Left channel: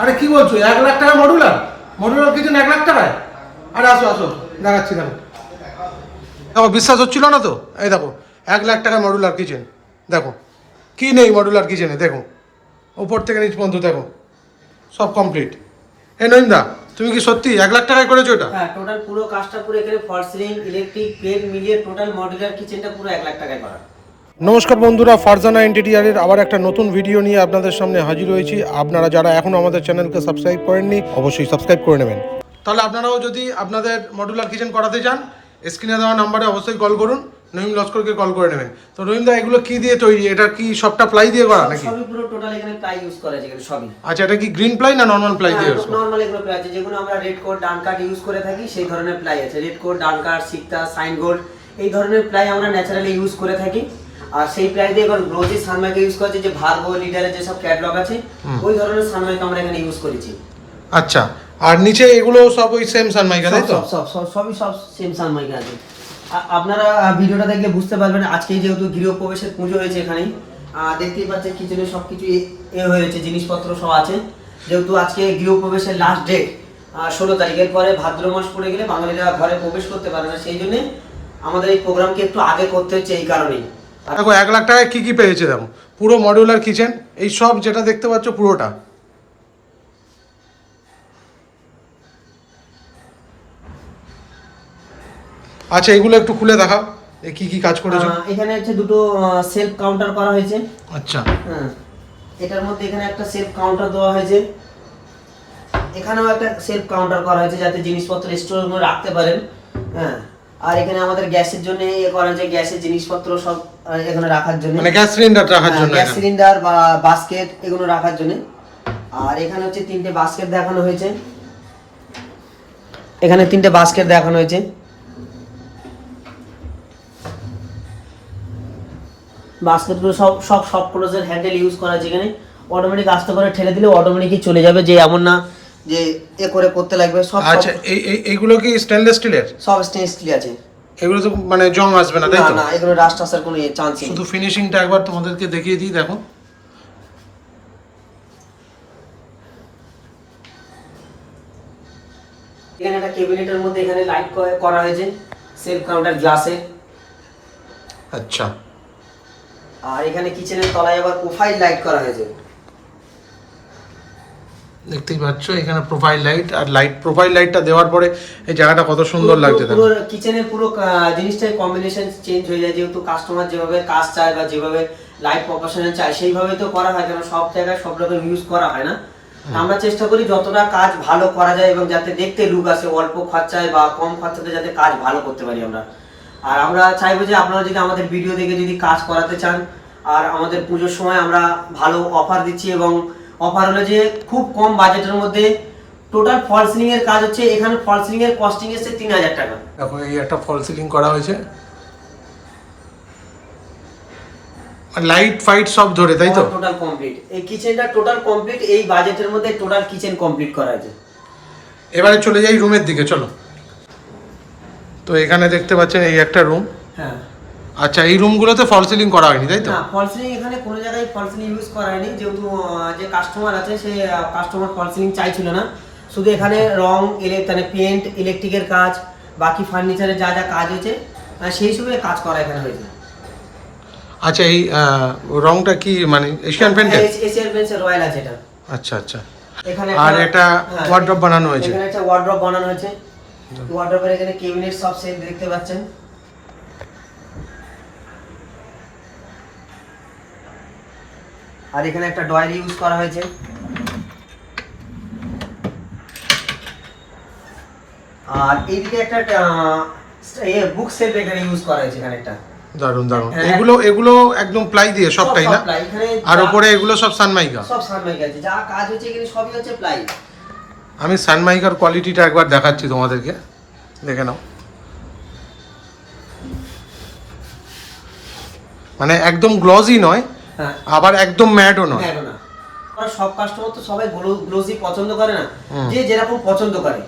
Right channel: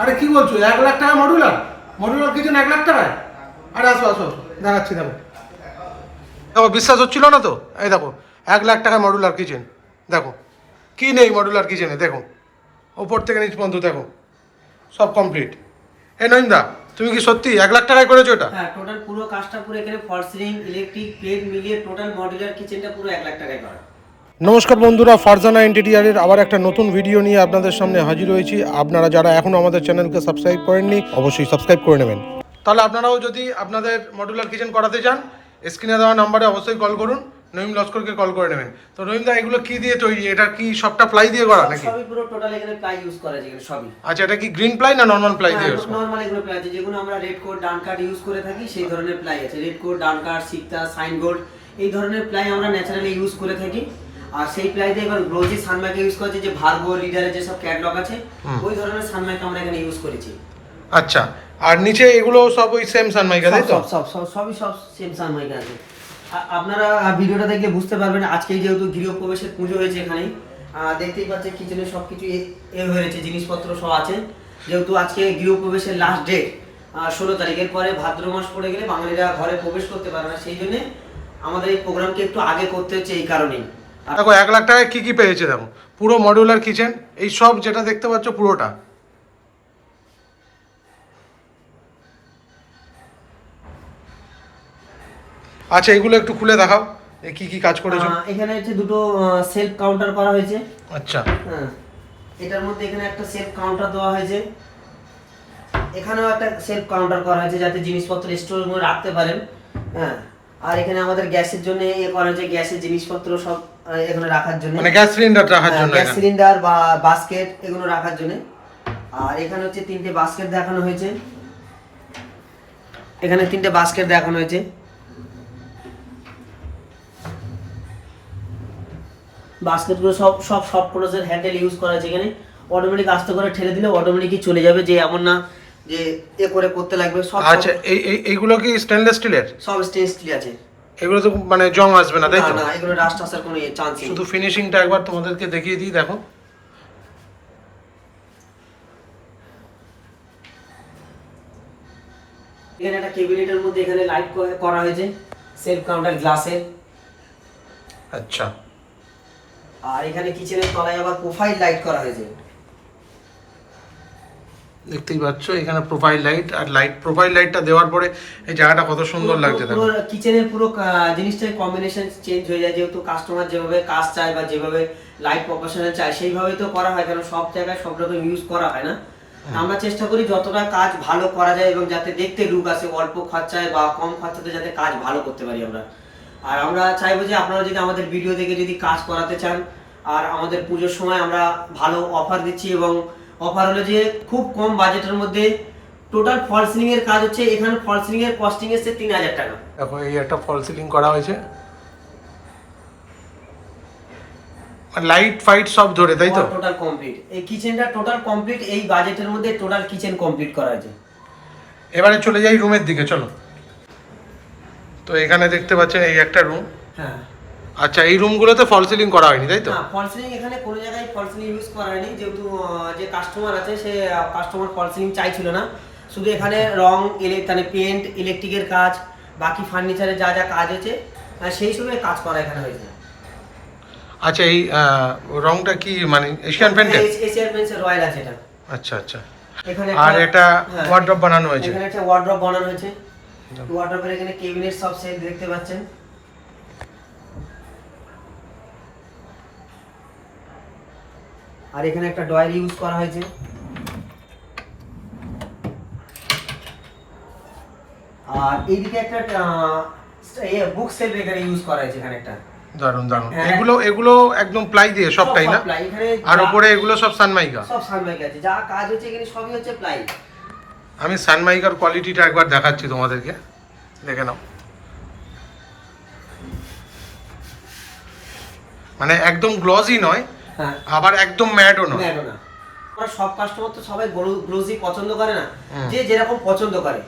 আরে কি বলছো, 1 লাখ টাকা মডুলার? মডুলার কিচেন 1 লাখ টাকায়? আরে আসো আসো, দেখাচ্ছি। দেখো দেখো, বিশ্বাস হচ্ছিল না তো? এই দেখো 1 লাখ টাকায় মডুলার কিচেন। দেখো কি নেই মডুলার কিচেনে, দেখো ওপর থেকে নিচ পর্যন্ত দেখো সব কমপ্লিট। এই নইন্দা, তুমি কি সত্যি 1 লাখ টাকায় করেছো এটা? হ্যাঁ, টোটাল পুরো কাজটা পুরো এখানে ফল সিলিং, ইলেকট্রিক, প্লেট মিলিয়ে টোটাল মডুলার কিচেনটা পুরো 1 লাখ টাকায় করা। নমস্কার বন্ধুরা, ফারজানা ইন্টেরিয়ারের আবার একটা নতুন ভিডিও নিয়ে আপনাদের সামনে হাজির হয়েছি। আপনারা যারা এখনও আমাদের চ্যানেলকে সাবস্ক্রাইব করেননি অবশ্যই সাবস্ক্রাইব করে নেবেন। তাহলে আপনারাও যদি আপনাদের মডুলার কিচেন করাতে চান, স্ক্রিনে দেওয়া নাম্বারে অবশ্যই কল করুন, নঈম লস্করকে কল করে নেবেন। তো নঈমদা, এগুলো কি দিয়ে তৈরি? এটা কি সবটা প্লাই দিয়ে করা নাকি? সবই পুরো টোটাল এখানে প্লাই ইউজ করা আছে এখানে সবই। আচ্ছা, এটা কি গ্রিন প্লাই না নরমাল প্লাই দিয়ে? নরমাল এগুলো প্লাই আছে, যেগুলো আমরা রেড কোড ডান কাট ইউজ করে থাকি সেই ধরনের প্লাই আছে। রেড কোড, ডান কাট, সিকতা, সাইন গোল্ড এই ধরনের প্লাই আমরা ন্যাচারালি ইউজ করে থাকি। আর সেই প্লাই দিয়ে এবার গ্লোজি সানমাইকা ইউজ করেছে, যে ভার্গো লিডারের যে সব ক্যাটালগ আছে ওই ধরনের সানমাইকা আমরা এখানে ইউজ করেছি। আচ্ছা, আর নিচে এগুলো সব ওই সেম সানমাইকা, তাই তো? সবই সেম সানমাইকা আছে। আপনারা ভিডিওটা দেখলে বুঝতে পারবেন। আজকে যেহেতু গৃহপ্রবেশের পুজো হয়েছে এখানে, দেখতেই পাচ্ছেন কিচেনে সবকিছু এ হয়েছে, জিনিসপত্র সব আছে। যেহেতু আজকে গৃহপ্রবেশের লাস্ট ডেট 16 তারিখের পরে ভাদ্র মাস পড়ে গেলে বাঙালিরা ঘরে প্রবেশ করতে পারে না, সেই জন্য আমাদের এই প্রোগ্রামকে একটু আগে করতে হচ্ছে এই কারণেই। দেখো 1 লাখ টাকায় কি কি পেয়েছে, দেখো পুরো মডিউলার কিচেন, এই সব যেটা দেখতে পাচ্ছ পুরোটা। আচ্ছা, এগুলো একটু খুলে দেখাও, কি কি কাজ করেছো। এখানে হচ্ছে দুটো সেলফ কাউন্টার করা হয়েছে। আচ্ছা, হ্যাঁ, এটার মধ্যে এখানে একটা সেলফ কাউন্টার দেওয়া হয়েছে, এখানেও একটা সেলফ কাউন্টার করা হয়েছে যাতে জিনিসপত্র স্টোর করে রাখতে পারেন। হ্যাঁ, আর এখানে আমাদের গ্যাসের জন্য ইয়ে করা হয়েছে, গ্যাসের জিনিসপত্র সব এখানে রাখার জন্য, মানে গ্যাস সিলিন্ডার রাখার জন্য, গ্যাস সিলিন্ডার বা বাস্কেট এগুলো রাখার জন্য। আর এখানে হচ্ছে 3টে বাস্কেট দেখানো হয়েছে, এখানে 3টে বাস্কেট দেখানো হয়েছে। বাস্কেটগুলো সব ক্লোজের হ্যান্ডেল ইউজ করা আছে। এখানে অটোমেটিক আস্তে করে ঠেলে দিলে অটোমেটিকই চলে যাবে, যে এমন না যে এ করে করতে লাগবে। সব আচ্ছা, এইগুলো কি স্টেনলেস স্টিলের? সব স্টেনলেস স্টিল আছে। এগুলো তো মানে জং আসবে না, তাই তো? না, এগুলো রাস্ট আসার কোনো চান্স নেই। শুধু ফিনিশিংটা একবার তোমাদেরকে দেখিয়ে দিই, দেখো এখানে একটা ক্যাবিনেটের মধ্যে এখানে লাইট করা হয়েছে, সেলফ কাউন্টার গ্লাসে। আচ্ছা, আর এখানে কিচেনের তলায় আবার প্রোফাইল লাইট করা হয়েছে, দেখতেই পাচ্ছ এখানে প্রোফাইল লাইট। আর প্রোফাইল লাইটটা দেওয়ার পরে এই জায়গাটা কত সুন্দর লাগছে, দেখো। পুরো কিচেনের পুরো জিনিসটাই কম্বিনেশন চেঞ্জ হয়ে যায়, যেহেতু কাস্টমার যেভাবে কাজ চায় বা যেভাবে লাইট প্রফেশনাল চায় সেইভাবেই তো করা হয়, কারণ সব জায়গায় সব রকম ইউজ করা হয় না। আমরা চেষ্টা করি যতটা কাজ ভালো করা যায় এবং যাতে দেখতে লুক আসে, অল্প খরচায় বা কম খরচাতে যাতে কাজ ভালো করতে পারি আমরা। আর আমরা চাইবো যে আপনারা যদি আমাদের ভিডিও দেখে যদি কাজ করাতে চান, আর আমাদের পুজোর সময় আমরা ভালো অফার দিচ্ছি, এবং অফার হলো যে খুব কম বাজেটের মধ্যে টোটাল ফল সিলিং এর কাজ হচ্ছে। এখানে ফল সিলিং এর কস্টিং এসেছে 3000 টাকা। দেখো এই একটা ফল সিলিং করা হয়েছে, লাইট ফাইট সব ধরে, তাই তো? টোটাল কমপ্লিট এই কিচেনটা টোটাল কমপ্লিট, এই বাজেটের মধ্যে টোটাল কিচেন কমপ্লিট করা হয়েছে। এবারে চলে যাই রুমের দিকে, চলো। তো এখানে দেখতে পাচ্ছেন এই একটা রুম। হ্যাঁ, আচ্ছা, এই রুমগুলোতে ফল সিলিং করা হয়নি, তাই তো? না, ফল সিলিং এখানে কোনো জায়গায় ফল সিলিং ইউজ করা হয়নি, যেহেতু যে কাস্টমার আছে সে কাস্টমার ফল সিলিং চাইছিল না। শুধু এখানে রং, মানে পেন্ট, ইলেকট্রিকের কাজ, বাকি ফার্নিচারের যা যা কাজ হয়েছে সেই সবে কাজ করা এখানে হয়েছে। আচ্ছা, এই রংটা কি মানে এশিয়ান পেইন্টের? এশিয়ান পেইন্টস রয়্যাল আছে এটা। আচ্ছা আচ্ছা। এখানে আর একটা ওয়ার্ড্রপ বানানো হয়েছে, এখানে একটা ওয়ার্ড্রপ বানানো হয়েছে। ওয়ার্ড্রপের এখানে ক্যাবিনেট সব সেট দেখতে পাচ্ছেন। আর এখানে একটা ডয়ার ইউজ করা হয়েছে। আর এইদিকে একটা বুক সেলফ এখানে ইউজ করা হয়েছে, এখানে একটা। দারুন দারুন। এগুলো একদম প্লাই দিয়ে সবটাই না? আর উপরে এগুলো সব সানমাইকা? সব সানমাইকা আছে, যা কাজ হচ্ছে এখানে সবই হচ্ছে প্লাই। আমি সানমাইকার কোয়ালিটিটা একবার দেখাচ্ছি তোমাদেরকে, দেখে নাও। মানে একদম গ্লজি নয়, হ্যাঁ, আবার একদম ম্যাটও নয়। সব কাস্টমার তো সবাই গ্লোজি পছন্দ করে না, যে যেরকম পছন্দ করে।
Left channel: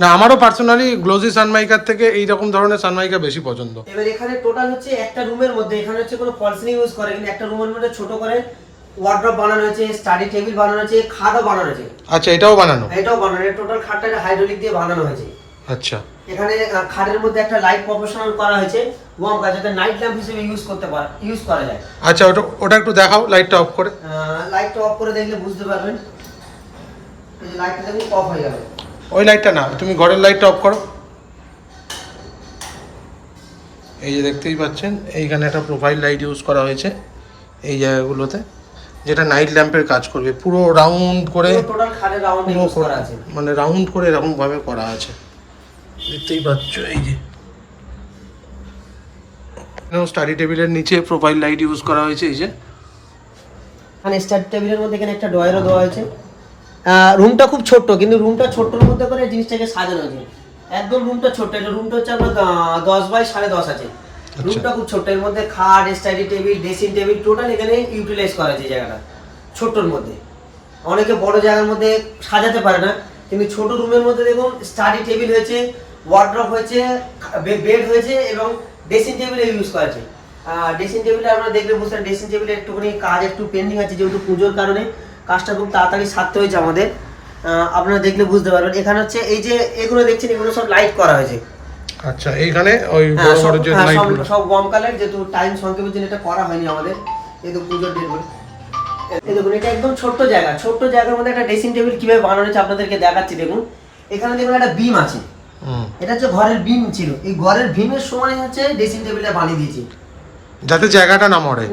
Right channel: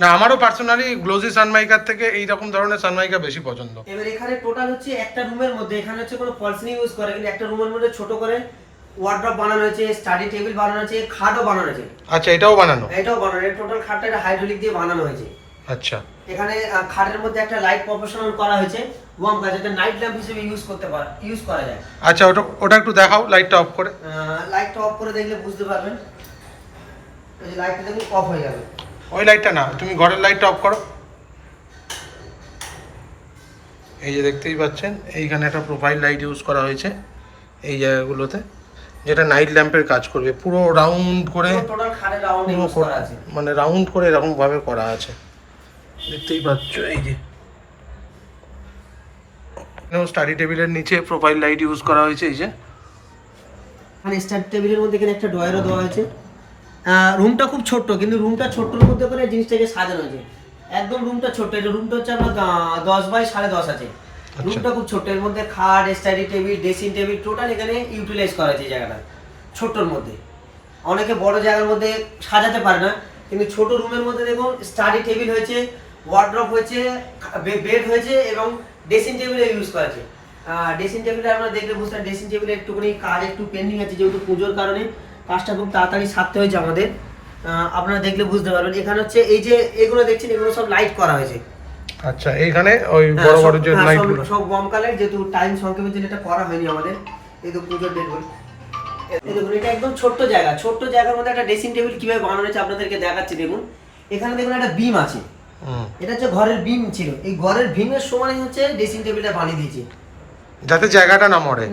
না, আমারও পার্সোনালি গ্লোজি সানমাইকার থেকে এই রকম ধরনের সানমাইকা বেশি পছন্দ। এবার এখানে টোটাল হচ্ছে একটা রুমের মধ্যে, এখানে হচ্ছে কোনো ফল সিলিং ইউজ করে, কিন্তু একটা রুমের মধ্যে ছোট করে ওয়ার্ড্রপ বানানো হয়েছে, স্টাডি টেবিল বানানো হয়েছে, খাটও বানানো হয়েছে। আচ্ছা, এটাও বানানো? এটাও বানানো, টোটাল খাটটা হাইড্রোলিক দিয়ে বানানো হয়েছে। আচ্ছা, এখানে খাটের মধ্যে একটা লাইট প্রফেশনাল করা হয়েছে, ওয়ার্ম কাজ, যাতে নাইট ল্যাম্প হিসেবে ইউজ করা যায়। আচ্ছা, ওটা একটু দেখাও, লাইটটা অফ করে। লাইটটা অফ করে দেখলে বুঝতে পারবেন। এই যে লাইটটা দেখুন অফ হয়ে গেল। ওই লাইটটা না, তুমি ঘরের লাইটটা অফ করো। এই যে দেখতেই পাচ্ছেন, এইখানে একটা প্রোফাইল লাইট ইউজ করা হয়েছে এই জায়গাগুলোতে, যেটা নাইট ল্যাম্পের কাজ করবে। পুরো রাউন্ড করে, টোটাল খাটের রাউন্ড ইউজ করা আছে, মানে রাউন্ড করে এরকম ভাবে করা আছে, দেখতেই পাচ্ছ। এই যে স্টাডি টেবিলের নিচে প্রোফাইল লাইট ইউজ করা হয়েছে। এই যে এখানে স্টাডি টেবিলের মধ্যে এখানে একটা ড্রয়ারও দেওয়া হয়েছে। রুমটা খুব ছোট্ট, কিন্তু রুমটা ছোট্টর মধ্যে করে জিনিসটাকে সাজানো হয়েছে। একদম রুমটা ছোট্ট, এটা রুমটা হচ্ছে আপনার 10 বাই 10.5 আছে। রুমটা খুব ছোট্ট, এর মধ্যে খাট, study table, dressing table total এখানে ইউটিলাইজ করা হয়েছে জায়গাটা ছোট্টর মধ্যে। অনেকে বড় জায়গার মধ্যে সাজাতে পারে না, কিন্তু ছোট রুমের মধ্যে দেখুন স্টাডি টেবিল হয়েছে, ওয়ার্ড্রপ হয়েছে, বেড হয়েছে এবং ড্রেসিং টেবিলে ইউজ করা আছে। ড্রেসিং টেবিলে আপনারা দেখলে বুঝতে পারেন, ড্রেসিং টেবিলে একটুখানি কাজ একটু পেন্ডিং আছে, যেহেতু পুজোর কারণে কাজটা খুব তাড়াতাড়ি সারতে হয়েছে আমাদের। আপনারা দেখলে বুঝতে পারবেন। এখানে হচ্ছে এই যে এগুলো দেখছেন, এগুলো সব লাইট করা হয়েছে। আচ্ছা, এইখানে ওই বড় বড় যে লাইটগুলো সব ওয়ার্ম কালার, যেহেতু টাইম সংক্ষেপের জন্য এটা করা হয়নি আমাদের। এই তো পুজোর ডেট বলে এই দেখুন, এটা একদম ছোট্ট জায়গা, ছোট্ট জায়গার মধ্যে একটা ড্রেসিং টেবিল কিভাবে বানানো হয়েছে আপনাদেরকে দেখাচ্ছি। দেখুন এখানে দেখুন একটা বিম আছে, এটা হচ্ছে ঘরের বিম ছিল, এই ঘরের বিমের সমানই হচ্ছে ড্রেসিং টেবিলটা বানিয়ে দিয়েছে, যাতে জায়গাটা না মরে।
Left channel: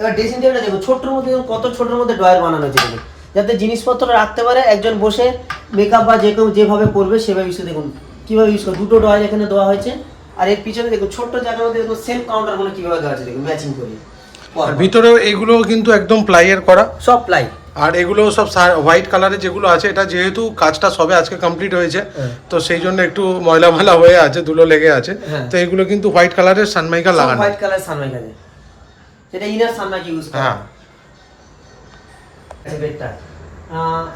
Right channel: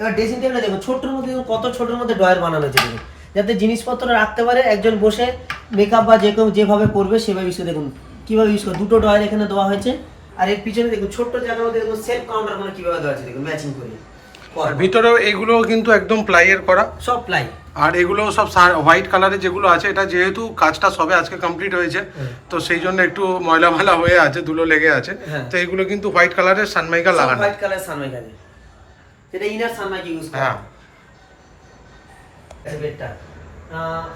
এবার ড্রেসিং টেবিলটা দেখুন ছোট্টর মধ্যে, কত ছোট্টর মধ্যে ড্রয়ার বানানো হয়েছে দেখুন, যাতে জিনিসপত্র রাখতে পারে একজন বসে মেকআপ বা যে কেউ যেভাবে করবে সেভাবে ইউজ। দেখুন কিভাবে ইউজ করে, দুটো ড্রয়ার এখানে দেওয়া হয়েছে। আর এর পিছনে দেখুন ছোট্ট জায়গার মধ্যে দেখুন সেলফ কাউন্টার গুলো কিভাবে দেওয়া আছে, দেখুন ম্যাচিং করে। আর ভিতরেও এগুলো কিন্তু একদম প্লাইয়ের করা, সব প্লাই। আর এগুলো সব হোয়াইট কালারের যেগুলো আছে, এটা যেহেতু কাজটা সবে আজকে কমপ্লিট হয়েছে, তো সেই জন্য একটু ময়লা ময়লা হয়ে আছে, ধুলো লেগে আছে। তো এগুলো কিন্তু হোয়াইট কালারের সানমাইকা লাগানো, হোয়াইট কালার সানমাইকা, যেটা ইনার সানমাইকা ইউজ করা। হ্যাঁ, এই বেডটা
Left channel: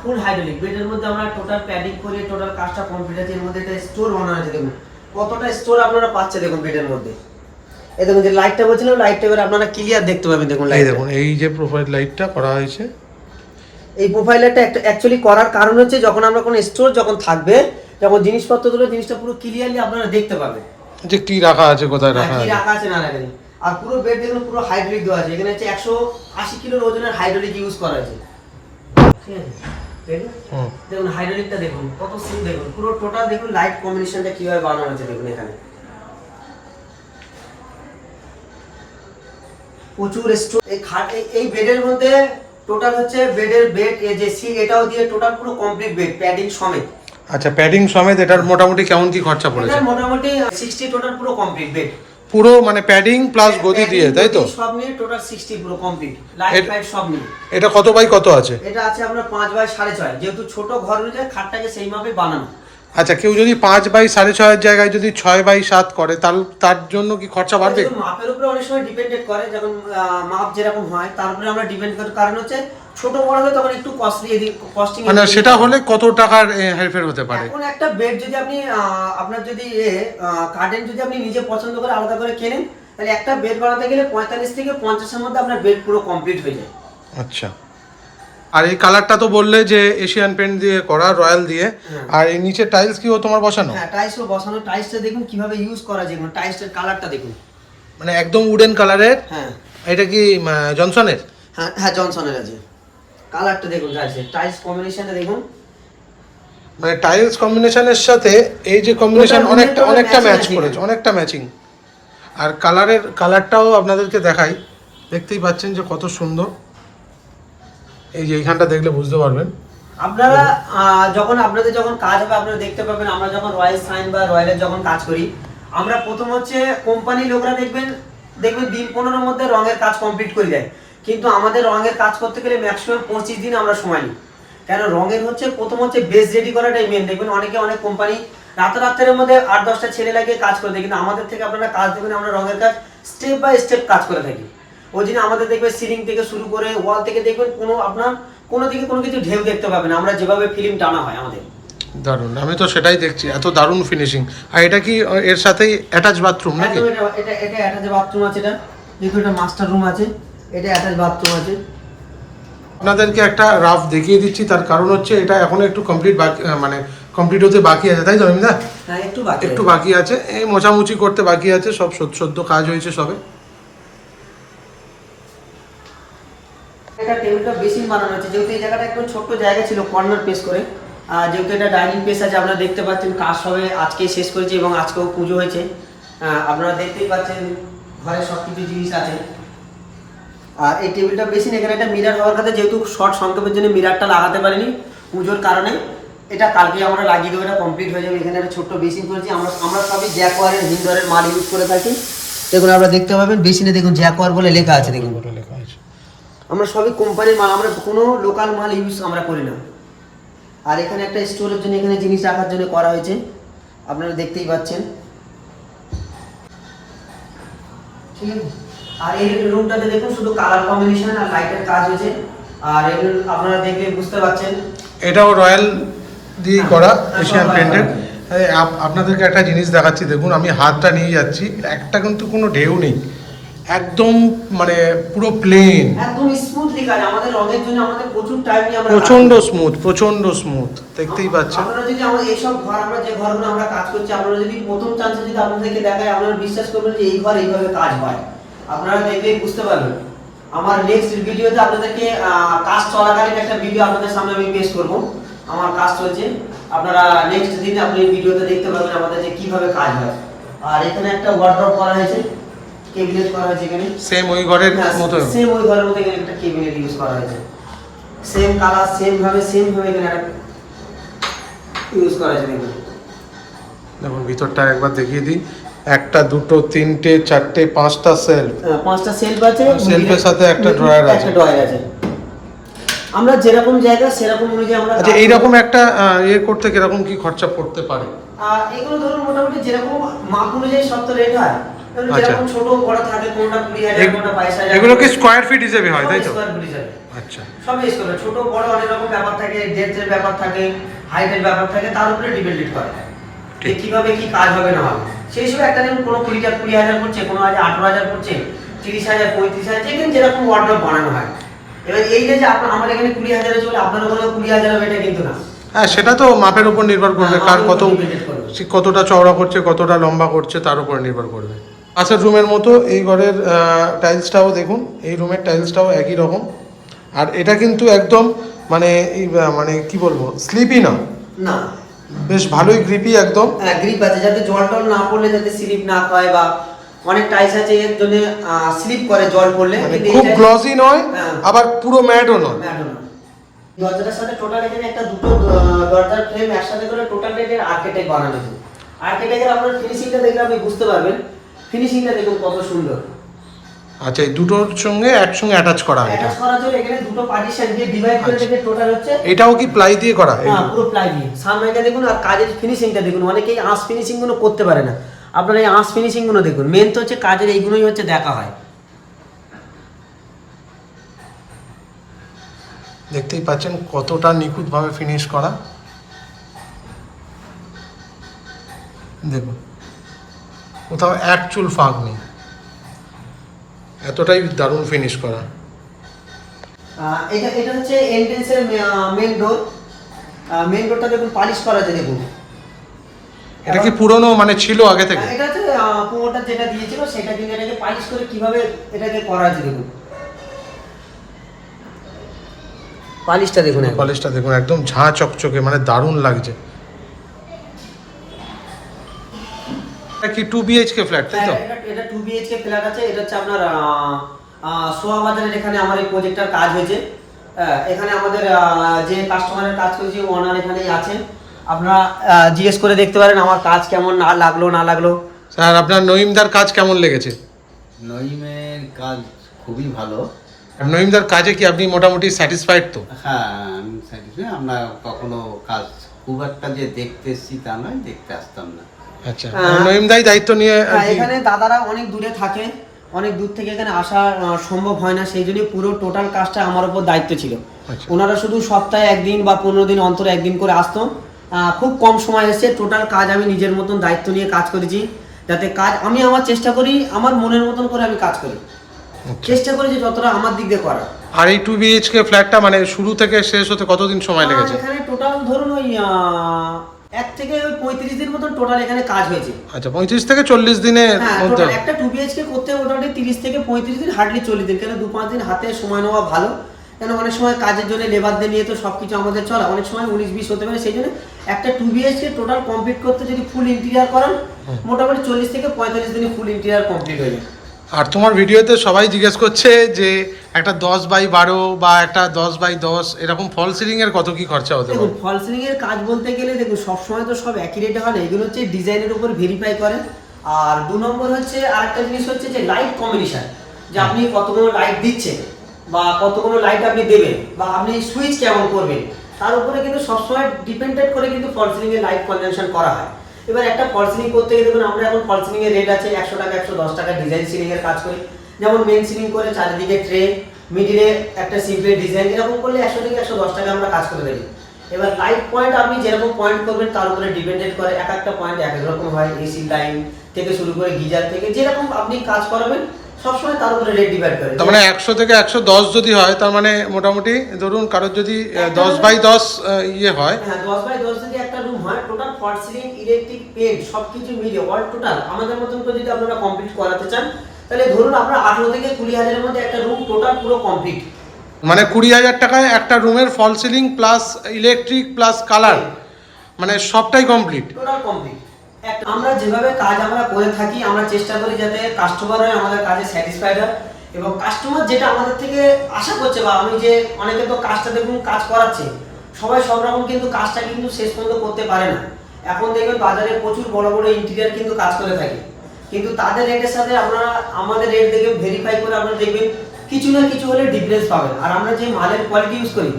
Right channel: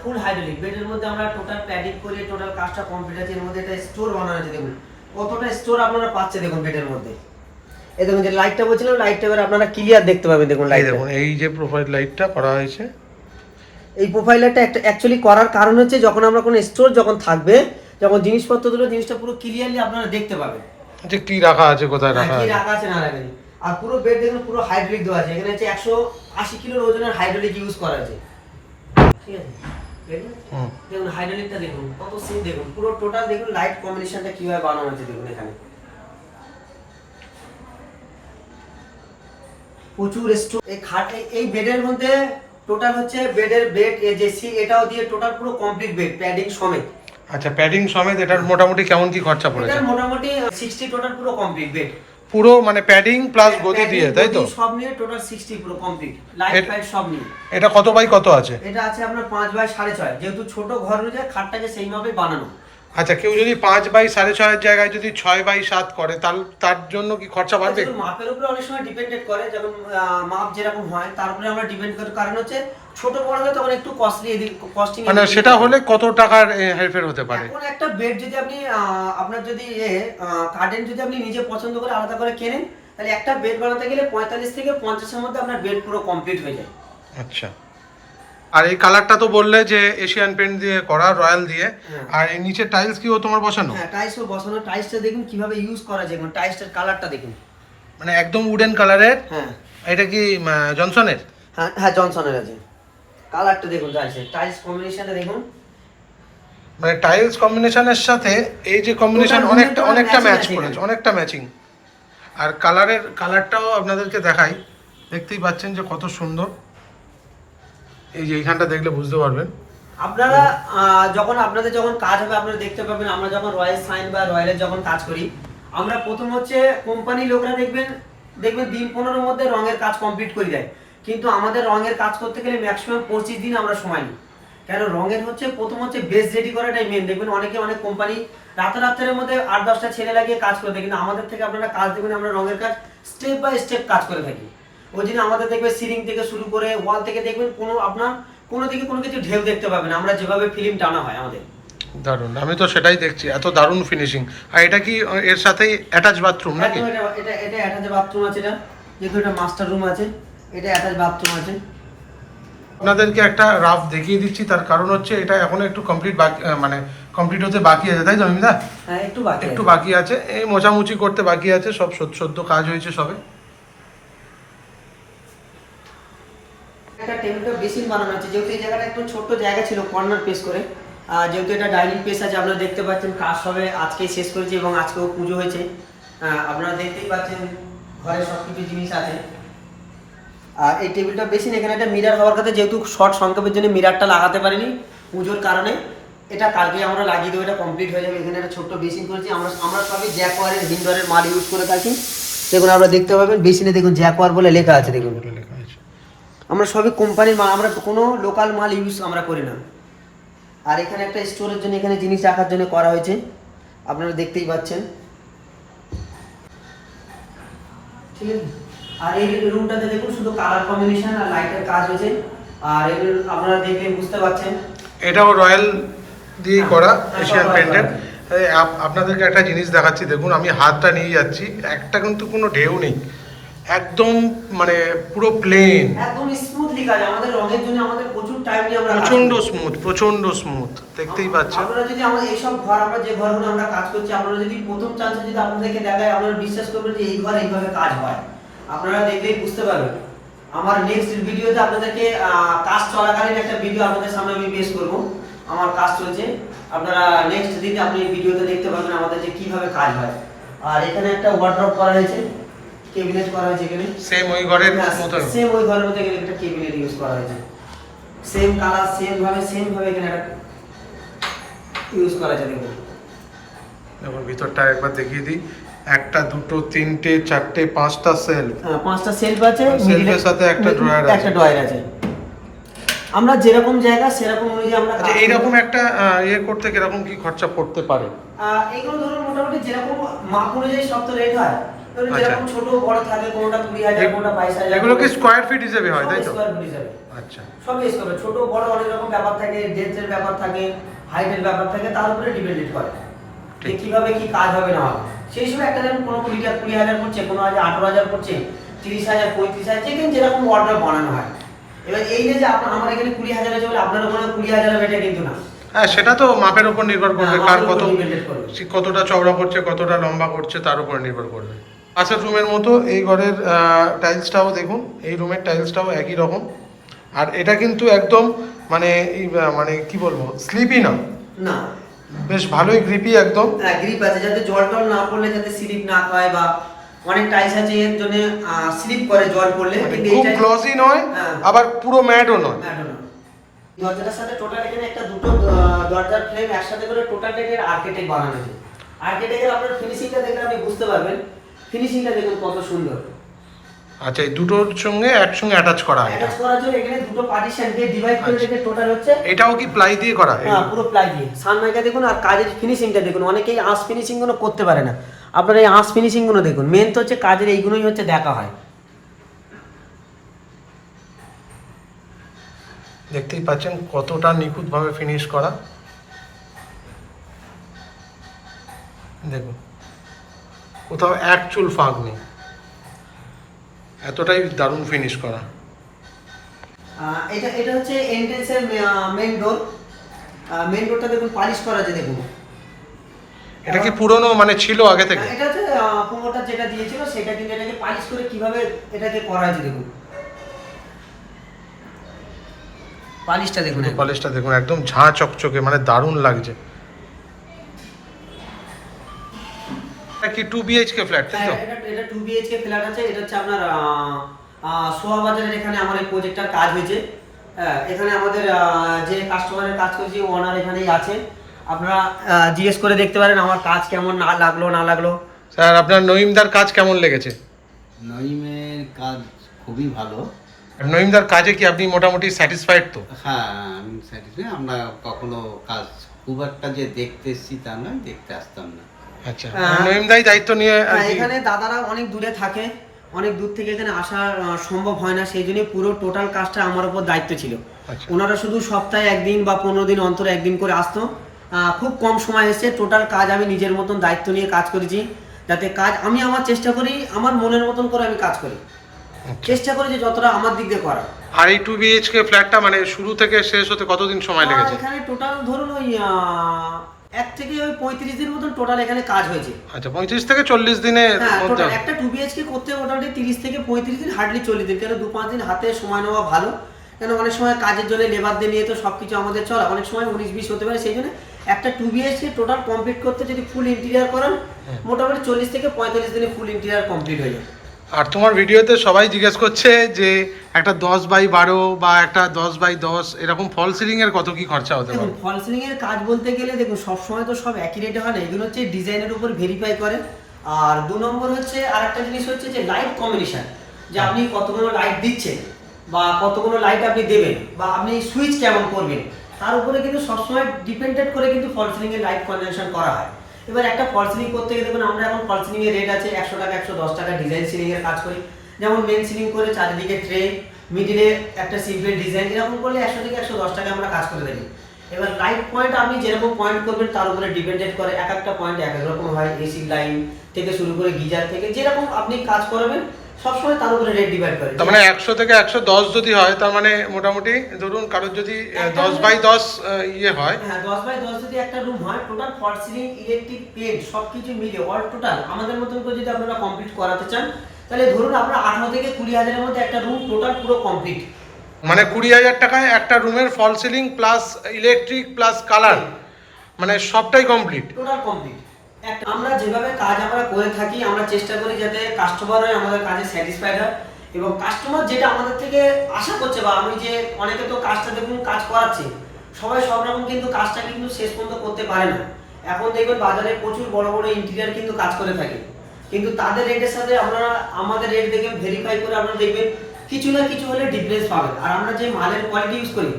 ফুল হাইড্রোলিক, বেডের মধ্যে আমরা টোটাল প্যাডিং করে টোটাল কাজটা কমপ্লিট আছে। এর মধ্যে একটা স্টোর বানানো আছে, দেখুন কতটা স্টোর আপনারা পাচ্ছেন দেখুন বেডের মধ্যে। এই দেখুন যে লাইটটা বলছিলাম, লাইটটা এবার আপনারা ক্লিয়ার দেখতে পাবেন। দেখুন এই দেখুন, এই যে প্রোফাইল লাইটটা করা হয়েছে, এই প্রোফাইল লাইটটা অ্যাকচুয়ালি করার কারণ হচ্ছে, যখন আমরা কোনো স্টোর যখন থাকবে, যখন জিনিসপত্রগুলো জিনিসটা পুরো ক্লিয়ারলি আপনারা দেখতে পাবেন যে কি রাখা আছে, কোথায় রাখা কি আছে, রাখা আছে না রাখা আছে। আর পুরো বেড দেখুন পুরো হাইড্রোলিক দেওয়া আছে, এখানে হচ্ছে 180 কিলোর ওজনের হাইড্রোলিক ইউজ করা আছে, ঠিক আছে। দেখুন হাইড্রোলিকটা দেখুন কত সিম, দেখুন পুরো টোটাল দেখুন লাইট কম্বিনেশনটা কিভাবে বানানো আছে। দেখুন এখানে প্রচুর স্টোর। এই খাট, এই বেডের মধ্যে টোটাল হচ্ছে বেড এই যে সি, এটাও দিয়ে টোটাল পুরো কমপ্লিট বেড প্যাডিং সমেত। আচ্ছা, প্যাডিং সমেত এটার মোটামুটি কেমন কি খরচা পড়েছে? এটা মোটামুটি 60 টোটাল পুরো কমপ্লিট বেড, পুরো মানে প্যাডিং প্লাস গদি দিয়ে, তাই তো? সব নিয়ে টোটাল 60 পুরো কমপ্লিট, লাইট ফাইট সব নিয়ে। এটা কত বাই কত আছে? এটা আছে আপনার 5 বাই 6.5, যেহেতু ছোট ঘর অনুযায়ী খাটটাকে সেই মাপে বানানো। আচ্ছা, কেউ যদি 5 বাই 6.5 জায়গায় যদি 6 বাই 7 করে, তার জন্য কি খরচা বাড়বে? মাপের উপরে অনেক সময় ডিপেন্ডেড করে, যখন মাপ যেরকম হয় তার উপরে আমরা ডিপেন্ড করি। কারণ হচ্ছে ছোট বড় হয় তখন একটু কস্টলি, কস্টিং। মানে সেটা হলে কত টাকার হেরফের হতে পারে? এখন একটা বেড যদি আপনি আপনার যদি কার্টেন যদি আপনি নিজে পছন্দ করে আলাদা করে কেনেন, তাহলে একটা বেড বানাতে গেলে 45 থেকে 50 এর মধ্যে আপনার বেড পুরো কমপ্লিট হয়ে যায়। আচ্ছা, আর এই কালারটা তো বললে যে এশিয়ান পেইন্ট দিয়ে করা, রয়্যাল দিয়ে। আর এই নিচে টাইলস কি ও তোমার বসানো? হ্যাঁ, টাইলসও বসানো। টাইলসটা দেখুন কিভাবে ইউজ করা যায়, টাইলসের কালারটা দেখুন, মানে একদম উডেন কালারের। হ্যাঁ, এটা কি জনসনের? হ্যাঁ জনসনের আছে। কালারটা দেখুন, টাইলস কম্বিনেশনটা দেখুন, মানে টাইলস কম্বিনেশনের সাথে এই যে কম্বিনেশন অনেকটা ম্যাচ করেছে, অনেকটা ম্যাচিং। আর কালারটাও আপনাদেরকে দেখাই, দেখতেই পাচ্ছেন যে কত সুন্দর। এই যে এইখানটা দেখলে বুঝতে পারবেন আপনারা আপনাদের যখন কাজ হবে আপনারা দেখতে পাবেন। আমরা যখন রয়্যাল সাইন বা রয়্যালের যখন কাজ করি, আমরা প্রথম হচ্ছে কোম্পানি লোকরা দেখবেন দিন 15 মধ্যে রঙের কাজ কমপ্লিট করে দেয়, কিন্তু আমাদের রঙের কাজ করতে গেলে ম্যাক্সিমাম 25 দিন আমরা সময় নিই। কেন, রঙের হচ্ছে প্রথম হচ্ছে বেস রেডি করাটাই মেন। দেখবেন অনেক কোম্পানি রাতের মধ্যে 8-10টা ছেলে লাগিয়ে কাজ করে দেয়, কিন্তু আমাদের থেকে আপনারা কাজ দেখবেন, আমরা রঙের কাজ স্টেপ বাই স্টেপ কাজ করে থাকি। ওই জন্য আমাদের দেখবে সিলিং থেকে শুরু করে ওয়াল থেকে দেখবেন কোনো দিকে কোনো কিছু ঢেউ দেখতে পাবেন, আমরা যেভাবে ফিল্ম টানা হয় আমাদের। দারুণ, আমি তো সেটাই দেখছি, এত দারুণ ফিনিশিং। আর এটা কি এর সাথেই অ্যাটাচ বাথরুম নাকি? এটা অ্যাটাচ বাথরুম আছে, এটা যেহেতু এটা মাস্টার রুম আছে, এটা অ্যাটাচ বাথরুম আছে। আপনাদেরকে একটা রাফ দেখিয়ে দিচ্ছি, তার কারণ হচ্ছে এটা এখনো একটু কমপ্লিট বাকি, মানে কমপ্লিট হতে বাকি আছে, তাই তো অমিতা? হ্যাঁ একটু বাকি আছে, এই মোছামুছি করতে বাকি আছে, সব সদ্য কাজ হয়েছে সবে। এটা টেবিলটা বেসিন বানানো হচ্ছে, যেহেতু এই জায়গাটা একটু ছোট্ট জায়গা ছিল কর্নার পেস করে, যেহেতু এটা ডাইনিং পেস আছে, আপনারা দেখতে পাচ্ছেন কাজ হবে আজকে শেষ করেছি এবং আজকেও পুজো হয়েছে। আপনারা দেখতেই পাচ্ছেন ঘরে সব কিছু জিনিস আছে। আর এই টেবিলটা বেসিন, এখানে একটা মিরার হওয়ার কথা, যেহেতু শর্ট সংক্ষেপের জন্য মিরারটা লাগাতে পারিনি পুজোর কারণে, এটা কালকে আমরা লাগিয়ে দেবো, এটা কমপ্লিট হয়ে যাবে। এখানে একটা ছোট্ট বেসিন করেছি, আমরা সবই জ্যাকওয়ারের হিন্দরের মাল ইউজ করে থাকি। দেখুন আপনারা দেখতে পাবেন বেসিনে দেখুন জ্যাকওয়ার বলে লেখা আছে, দেখুন লেখা আছে। আমরা সবই কোম্পানির মাল, আমরা কোনো লোকাল মাল ইউজ আমরা করি না। আর এখানে একটা স্টোরের জন্য এখানে জিনিস রাখার জন্য করা হয়েছে, আপনারা দেখতেই পাচ্ছেন, ঠিক আছে। আর এই রুমটাতে দেখুন শুধু কালার কম্বিনেশন আর লাইটের কাজ হয়েছে। আর আপনারা দেখে বুঝতে পারছেন এটাও রয়্যাল দিয়ে করা, এশিয়ান পেন্টেড। আপনাদেরকে একটা জিনিস দেখাচ্ছি, দেখুন আমি হাতটা নিয়ে যাচ্ছি, একটা কিন্তু কোনো ঢেউ নেই, একদম মানে পুরো প্লেন, একদম স্মুথলি কাজ। আমাদের রঙের জন্য আমাদের প্রচুর টাইম নিয়ে আমরা প্রচন্ড স্মুথ, দেখতেই পাচ্ছেন। আপনারা যদি আমাদের এইসব ঘর, আমরা যে ঘরগুলো আমরা কাজ করছি, আপনারা যদি প্রথম চান্সে যদি আপনাদেরকে দেখায়, আপনারা বিশ্বাস করবেন যে এই ঘর এইভাবে কাজ হয়, আপনারা দেখলেই বুঝতে পারবেন। আমার নেক্সট ভিডিওতে আপনাদেরকে কাজ চলাকালীন একটা ভিডিও আপনাদের সামনে আমি পেশ করব, আমার কাজ চলছে, আপনারা নেক্সট দিন আপনি ভিডিওতে দেখতে পারবেন আমাদের যে কিভাবে কাজ হয়। আর এখানে একটা ওয়ার্ড্রপ করা হয়েছে, কেবিনেট করা হয়েছে এখানে, সেম ওই ঘরের মতো, সেম ওই ঘরের মতো এখানে একটা কেবিনেট ইউজ করা হয়েছে, সেম কালার সেম ভাবে এখানে একটা ইউজ করা হয়েছে। দেখুন ভিতরটা একবার দেখিয়ে দিই, একটা দুটো তিনটে চারটে পাঁচটা সেলফ, পাঁচটা সেলফ আছে, সেলফের সাথে একটা ড্রয়ার আছে, আমরা যেরকম জায়গা সেরকম অনুযায়ী আমরা। আচ্ছা এইরকম একটা ইয়ে করতে কিরকম কি খরচা পড়তে পারে? এগুলো ধরুন মোটামুটি যেরকম মাপ অনুযায়ী সব তো রেট হয়, যেরকম ছোট বড় থাকে, কোনটা 20,000 কোনটা 22,000। এগুলো কি স্কয়ার ফিট হিসেবে হয়, তাই তো? স্কয়ার ফিট হিসেবে, আচ্ছা, সব স্কয়ার, ছোট বড় অনেক রকম ব্যাপার থাকে, ডেপথের ব্যাপার থাকে, হাইটের ব্যাপার থাকে, তার উপরে ডিপেন্ডেন্ট করে যে কিভাবে কি কাজ হবে না হবে। সেই হিসেবে একটা দেখুন কোনো 20,000 পড়ছে, কোনো 18,000 পড়ছে, 30,000 35,000, যেখানে যেরকম অর্ডার বানানো হয়। এবার এই যে আমার এখানে 20,000 আছে বলে আপনার ওখানে 20,000 হবে এটা কিন্তু না। হ্যাঁ সেটা তো মাপের উপর নির্ভর করবে, কার কতটা চওড়া করছে, কতটা লম্বা করছে, তার উপর নির্ভর করবে। পাশের রুমের মতো এই ঘরের টাইলসটাও দেখুন, এই রুমের টাইলসটাও একই রকম। আর এটা কিন্তু একদম মানে মানে কি বলবো, স্লিপি না, না বেশ ভালোই গ্রিপি, একদম গ্রিপ আছে, যাতে জল টল না পড়লে যাতে স্লিপ না হয়, বা অনেক টাইলস আছে এর জন্য স্লিপ করে জল পড়লে, মানে খুব গ্লসি নয় আবার পুরো ম্যাটও নয়। দরজাটার সাথে টোটাল এখানে একটা দুটো দরজার ফ্রেম একসাথে করে টোটাল এর আর্কিটেক্ট বানানো হয়েছে। আর্কিটেক্টের আপনার ফিনিশিংটা দেখলে আপনি বুঝতে পারবেন, ফিনিশিংটা দেখুন কত সুন্দর। আচ্ছা এই দুটোর সঙ্গে একসঙ্গে অ্যাটাচ করা, অ্যাটাচ করার জন্য এখানে দুটো পার্টিশন দিয়ে ডিভাইড করে দেখে টোটাল হচ্ছে। এটাও কি প্লাই দিয়ে করা? হ্যাঁ পুরো প্লাই দিয়ে। সামনে দেখুন, আর কাজের ফিনিশিংটা দেখুন, অনেকেই আঁশ ফিনিশিং গুলো করতে পারে না, আপনারা এই আঁশ ফিনিশিং গুলো দেখুন। মেন তো হচ্ছে কাজের এইগুলোই হচ্ছে দেখা হয়। দেখতেই পাচ্ছেন কতটা নিখুঁতভাবে ফিনিশ করা, দেখুন কোথাও এক চুল ফাঁক নেই, এতটাই দারুণ ফিনিশ করা। এটা হচ্ছে এন্ট্রেন্সের মেন ডোর। মেন ডোরটা দেখুন পালিশ করা আছে, দেখুন এটা কি পুরনো মানে ছিল আগে থেকে? এটা হচ্ছে পুরোটা যেটা দিয়েছিল সেটা, কিন্তু এটাকে পালিশ করে কিভাবে এটাকে করা আছে দেখুন, পালিশটা দেখুন, পালিশটা দেখুন একদম ঝাঁ চকচকে, মানে দারুণ লাগছে। এটা কি 2 BHK ফ্ল্যাট, তাই তো? এটা 2 BHK ফ্ল্যাট আছে। এটা হচ্ছে আপনার সোয়া বাজারের এখানে আমার এই প্রজেক্টটার কাজ হয়েছে। এখানে আমাদের যে কাস্টমারের কাজ করেছি ওনার এখানেই আছে, আপনারা জিজ্ঞেস করে দেখতে পারেন আমার কাজ কেমন না লাগলো। স্যার আপনার নঈমদার কাজ কেমন লেগেছে? নঈমের কাজ খুবই ভালো। নঈমদার কাজে কি আপনি মোটামুটি স্যাটিসফাইড তো? হ্যাঁ আমি স্যাটিসফাইড। আমরা কখনো কাজ খুব একটা যে দেখতে এসেছি তা নয়, দেখতে আসতাম না। আচ্ছা নঈমদাই দায়িত্ব নিয়ে এখানে দাদারা অনেক দূরে থাকে, অনেক দূর থেকে এখানে আসা সম্ভব হয় না, সেই জন্য পুরো টোটাল কাজটা আমার উপর দায়িত্ব ছিল। ওনারা শুধু সপ্তাহে একদিন বা 15 দিন অন্তর একদিন করে আসতো। খুব কম সময় এসে টোটাল কাজ আমি নিজের মতন দায়িত্ব নিয়ে কাজ করেছি, যাতে কাজ আমি আমার চেষ্টা করি আমার মনের মতন করে আমি কাজ করি। চেষ্টা করি যে যতটা আমার দিক দিয়ে করা। আর এই 2 BHK ফ্ল্যাটটা মানে শুরু থেকে শেষ হতে কতদিন সময় লেগেছে? এখানে টোটাল ধরুন ওই 1 থেকে ওই 35 দিন মতন টোটাল এখানে কাজ হয়েছে। আচ্ছা, 35 থেকে 40 দিনের হ্যাঁ, মধ্যে। টোটাল একটা 2 BHK করতে মোটামুটি 30 থেকে 35 দিন, হার্ডলি 40 দিন, কেন 2-5 দিন হাতে সময় নেওয়া ভালো। কেন অনেক সময় কাজের জন্য লেবারদের নিয়ে তো সবকিছু আমাদের চলে, অনেক সময় 19-20 হতে পারে। সেই জন্য একটা 2 BHK টোটাল কমপ্লিট করতে যদি ফুল ইন্টেরিয়ার করান মোটামুটি 40 থেকে 45 দিনে ফুল ইন্টেরিয়ার কমপ্লিট হয়ে যায়। আর তোমার ভিডিওতে সবাই জিজ্ঞেস করছে যে একটা 10x12 বা একটা 10x10 এরকম ফল সিলিং এর কত কি খরচা হতে দেখুন পারে? ফল সিলিং এর কাজ বলতে গেলে দেখুন সবসময় তো সব একই রেটে হয় না, এগুলো হচ্ছে ডিজাইনের উপর ভেরিফাই করে। আর 2 নম্বর হচ্ছে আরেকটা জিনিস হচ্ছে যে লাইট কম্বিনেশন, যে আপনি কতগুলো লাইট দিচ্ছেন বা কতগুলো লাইট আপনি দেবেন বা আপনি সুইচ কেমন করবেন, তার উপরে কিন্তু সবসময় ডিপেন্ডেন্ট করে কিন্তু ফল সিলিং এর লাইট কনভেনশন করা হয়। এবার একটা ফল সিলিং করতে গেলে দেখুন আমরা এখন ফল সিলিং এর রেট আছে 100 টাকা 110 টাকা ডিজাইন সিলিং এর কাজ করি। যেমন মেইন সিলিং করে চারিদিকে ট্রে, মিডিলে একটা সিম্পল ডিজাইন, এরকম করলে 100 থেকে 110 টাকা আমরা কাজ করে থাকি। এবার লাইট পয়েন্ট আপনি যেরকম পয়েন্ট করবেন তার উপরে ডিপেন্ডেন্ট করে, এক একটা পয়েন্ট এক এক রকম হয়। এসি লাইন থেকে শুরু করে গিজার থেকে যেরকম আপনি কাজ করাবেন সবসময় তার উপরে রেট ডিপেন্ড করে। তার মানে 100 থেকে 110 যদি হয় তার মানে মোটামুটি ধরুন কারোর যদি 10x10 ইয়ে হয়, হ্যাঁ 10x10 যদি একটা রুম হয়, টোটাল ফল সিলিং ইলেকট্রিক পেইন্ট সবকিছু মিলিয়ে অল টোটাল আমাদের মতন করে যদি আপনারা কমপ্লিট করাতে চান তাহলে ধরুন আপনার 18 থেকে 20 হাজারের মধ্যে একটা রুম টোটাল পুরো কমপ্লিট। মানে 20,000 টাকায় একটা রুমের false ceiling plus electric plus colour মানে সবটাই কমপ্লিট। Total complete. একটা আমরা যেভাবে কাজ আমরা করে থাকি আমরা চেষ্টা করি যাতে কাস্টমার আমাদের কাজে স্যাটিসফাইড হয় এবং কাস্টমার যেটা আমাদের থেকে আশা করছে, বা আমি যে অনেকে তো কাজটা দেখুন কাজ করাচ্ছে, সবাই সব রকম কিন্তু কাজটা কিন্তু শেষ পর্যন্ত করতে পারে না। এখন দেখবেন বাজারে প্রচুর বড় বড় ইন্টেরিয়ার কিন্তু কাজ করে থাকে, কিন্তু তাদের রেটের সাথে আপনারা আমাদের রেট দেখে ভেরিফাই করে আপনারা দেখবেন কিছু না কিছু হলে ডিফারেন্স পাবেন। আর আমরা যে মালের কোয়ালিটি ইউজ করি,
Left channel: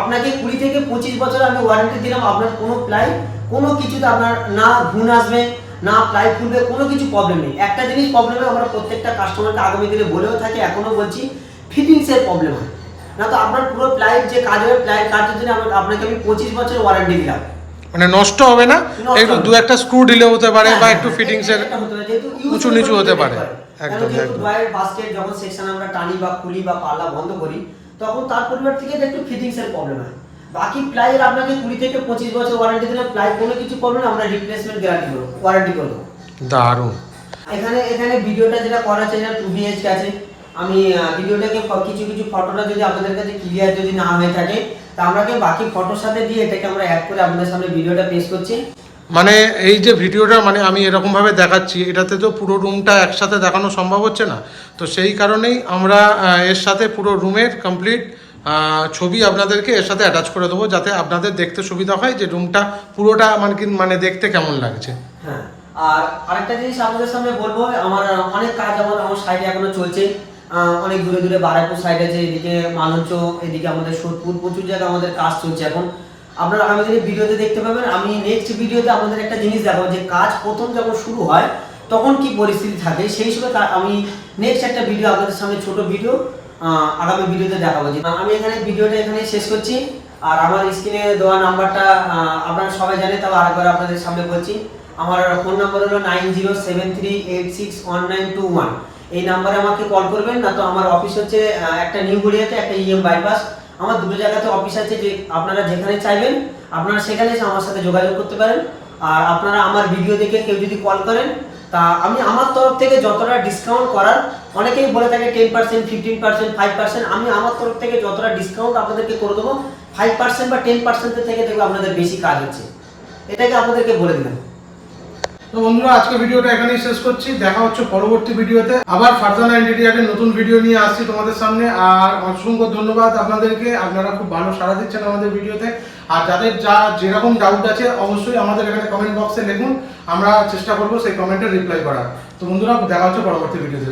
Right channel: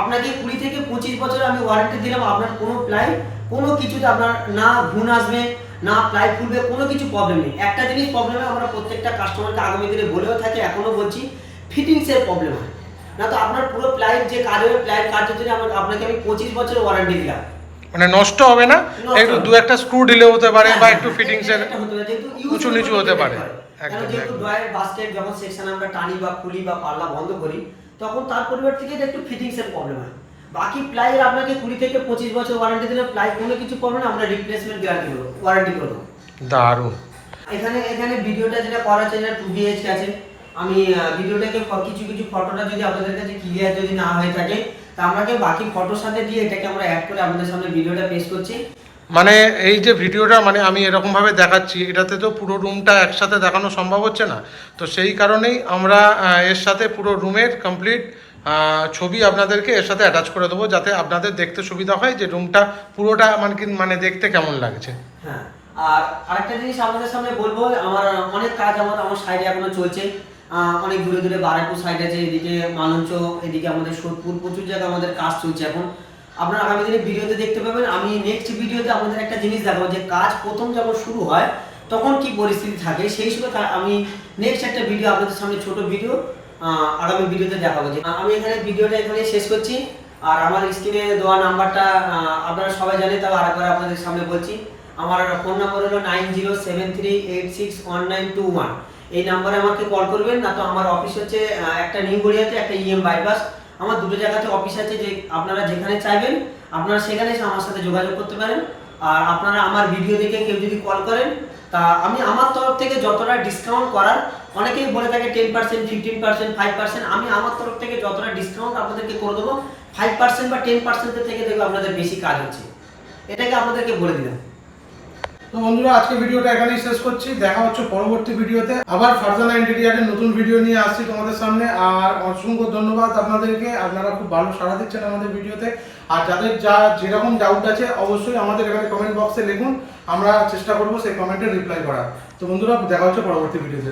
আপনাকে 20 থেকে 25 বছর আমি ওয়ারেন্টি দিলাম, আপনার কোনো প্লাই কোনো কিছুতে আপনার না ঘুণ আসবে না প্লাই খুলবে, কোনো কিছু প্রবলেম নেই। একটা জিনিস প্রবলেম হয়, আমরা প্রত্যেকটা কাস্টমারকে আগামী দিনে বলেও থাকি, এখনো বলছি, ফিটিংসের প্রবলেম হয় না তো আপনার পুরো প্লাইয়ের যে কাজ হবে প্লাইয়ের কাজের জন্য আপনাকে আমি 25 বছর ওয়ারেন্টি দিলাম, মানে নষ্ট হবে না, একটু দু একটা স্ক্রু ঢিলে হতে পারে বা একটু ফিটিংসের উঁচু নিচু হতে পারে। একদম একদম ড্রয়ার বাস্কেট যখন সেকশন আমরা টানি বা খুলি বা পাল্লা বন্ধ করি তখন তার পরিবার থেকে একটু ফিটিংসের প্রবলেম হয়। বাকি প্লাইয়ের আপনাকে 20 থেকে 25 বছর ওয়ারেন্টি দিলে প্লাই কোনো কিছু করবে না, আমরা রিপ্লেসমেন্ট গ্যারান্টি করব, ওয়ারেন্টি করব। দারুণ। এখানে ভিডিওটা যেটা করা আছে এটা 2 BHK আছে। আমি ভিডিওটাকে কিছু কিছু ফটোটা যদি আপনাদের কাছে ক্লিয়ার যদি না হয়ে থাকে তা আমরাকে বাকি ফটোর সাথে দিয়ে এটাকে আমরা অ্যাড করে আপনাদের সামনে ভিডিওটা পেশ করছি। মানে এই যে ভিডিওটা মানে আমি এরকম ভাবে দেখাচ্ছি, এটাতে তো পুরো রুমটা একসাথে দেখানো সম্ভব হচ্ছে না, তো সেই কারণেই আমরা এর সাথে পুরো রুমের কমপ্লিট ছবি আপনাদেরকে এর সাথে অ্যাটাচ করে দেবো, যাতে আপনাদের দেখতে সুবিধা হয় যে রুমটা পুরোটা মানে দেখতে কেমন লাগছে। হ্যাঁ, আর আরেকটা জিনিস আপনাদের সামনে বলবো, আমার অনেক কাজ আমার সাইডে এখনো চলছে, অনেক দূরে দূরে বারাইপুর সাইড আছে, এদিকে মালঞ্চ, এদিকে আমাদের সোদপুর, প্রচুর জায়গায় আমাদের কাজ চলছে এখন। আপনারা আগামী দিনে ভিডিওতে দেখতে পাবেন। আমি নেক্সট ভিডিওতে আপনাদের একটা জিনিস দেখাবো যে কাজ প্রথম যখন শুরু হয় তখন কি পরিস্থিতি থাকে, সেই হিসেবে আমি নেক্সট একটা ভিডিও আপনাদের সামনে ছোট ভিডিও আগামী ভিডিওতে দেখাবো। যে আমি এখানে ভিডিওটা এখানেই শেষ করছি। আর আমার স্ক্রিনে দেওয়া নাম্বারটা আপনারা সবাই জানেন, তবে আরেকবার আপনাদের সামনে বলছি, আমার ফোন নাম্বার হলো 9073861921। এই নাম্বারে আমাকে কল করবেন, না তো আমার অফিস হচ্ছে একটা নিউ গড়িয়াতে, একটা EM বাইপাস, আমার দুটো জায়গাতে অফিস আছে, যে আপনারা যেখানে চাইবেন আপনারা সেখানে এসে আমার সাথে যোগাযোগ করতে পারেন। আর আপনারা আমার ভিডিও দেখে কেউ যদি কল করেন তা আমি আমার তরফ থেকে যতটা ডিসকাউন্ট করার, অনেকেই বলে থাকে 10%, 15%, 5%, আমি আমার তরফ থেকে যতটা ডিসকাউন্ট আপনাদেরকে করে দেবো 5% বা 10% থেকে দেখবো আপনাদের বেশি কাজ হচ্ছে, এটাকে আপনাদেরকে বলে দিলাম। তো বন্ধুরা আজকে ভিডিওটা এখানেই শেষ করছি, দেখা হচ্ছে পরবর্তী ভিডিওতে। আবার ফারজানা ইন্টেরিয়ারের নতুন ভিডিও নিয়ে আসছি তোমাদের সামনে। আর অসংখ্য ধন্যবাদ আপনাদেরকে, আপনারা খুব ভালো সাড়া দিচ্ছেন আমাদের ভিডিওতে। আর যাদের যেরকম ডাউট আছে অবশ্যই আমাদের এখানে কমেন্ট বক্সে লিখুন, আমরা চেষ্টা করবো সেই কমেন্টের রিপ্লাই করার। তো বন্ধুরা দেখা হচ্ছে পরবর্তী ভিডিওতে।